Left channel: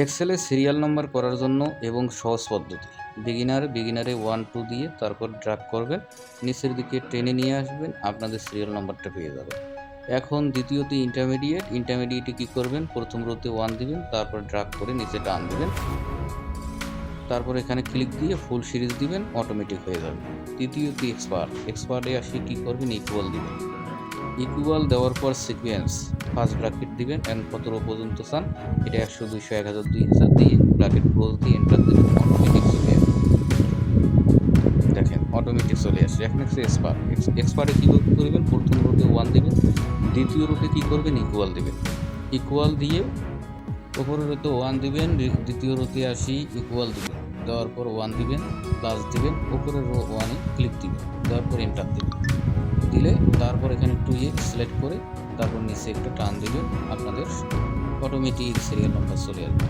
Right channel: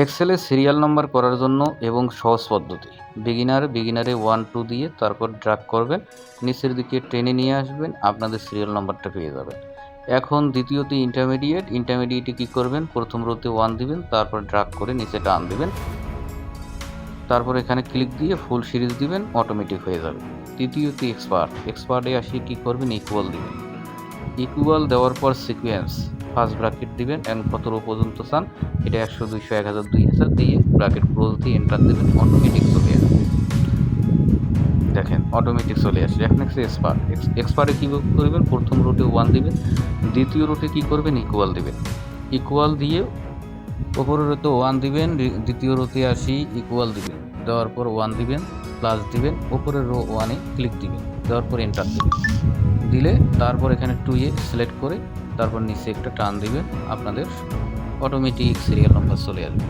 এক্সেলে serial number করার জন্য এবং সহজ পদ্ধতি, বিগিনারে 1 2 দিয়ে তারপর ড্র্যাগ করবেন, নিচের দিকে টেনে নিয়ে আসবেন, আপনাদের সিরিয়াল নাম্বারটা পেয়ে যাবেন। এখন দ্বিতীয়তে ইন্টারমিডিয়েটে কী করবেন, প্রথম রোতে 1 দিবেন, তারপর ড্র্যাগ করে নিচে টান দিবেন, তারপর এখানে ক্লিক দিয়ে ফুল সিরিজ দিবেন, অটোমেটিক হয়ে যাবে। তৃতীয়তে এক্সপার্টে আসি কী করবেন, ইকুয়াল দিবেন। ইকুয়াল দেওয়ার পর সিকোয়েন্স ফার্স্ট ব্র্যাকেট দিবেন এবং কত রো পর্যন্ত চান, এটা 100 200 1000 2000 দিয়ে ব্র্যাকেট ক্লোজ দিয়ে এন্টার দেবেন, অটোমেটিক চলে আসবে। দেখেন অটোমেটিক চলে আসছে। এখন হচ্ছে এক্সপার্টে কী করবেন, প্রথম রোটে 1 দিবেন, দ্বিতীয় রোটে কী করবেন, ইকুয়াল দিবেন। ইকুয়াল দিয়ে ওপরের রোতে 1 দিবেন, দ্বিতীয় রোতে আসি ইকুয়াল দিবেন, দেওয়ার পর 1 দিবেন, প্লাস দিবেন, ওপরের রো 1-এ ক্লিক দিবেন, দেওয়ার পর এন্টার দিবেন, দিলে তারপর এখানে 2-এ সিলেক্ট করে তারপর নিচে একটা টান দিবেন, আপনাদের অটোমেটিক সিরিয়াল নাম্বার চলে আসবে।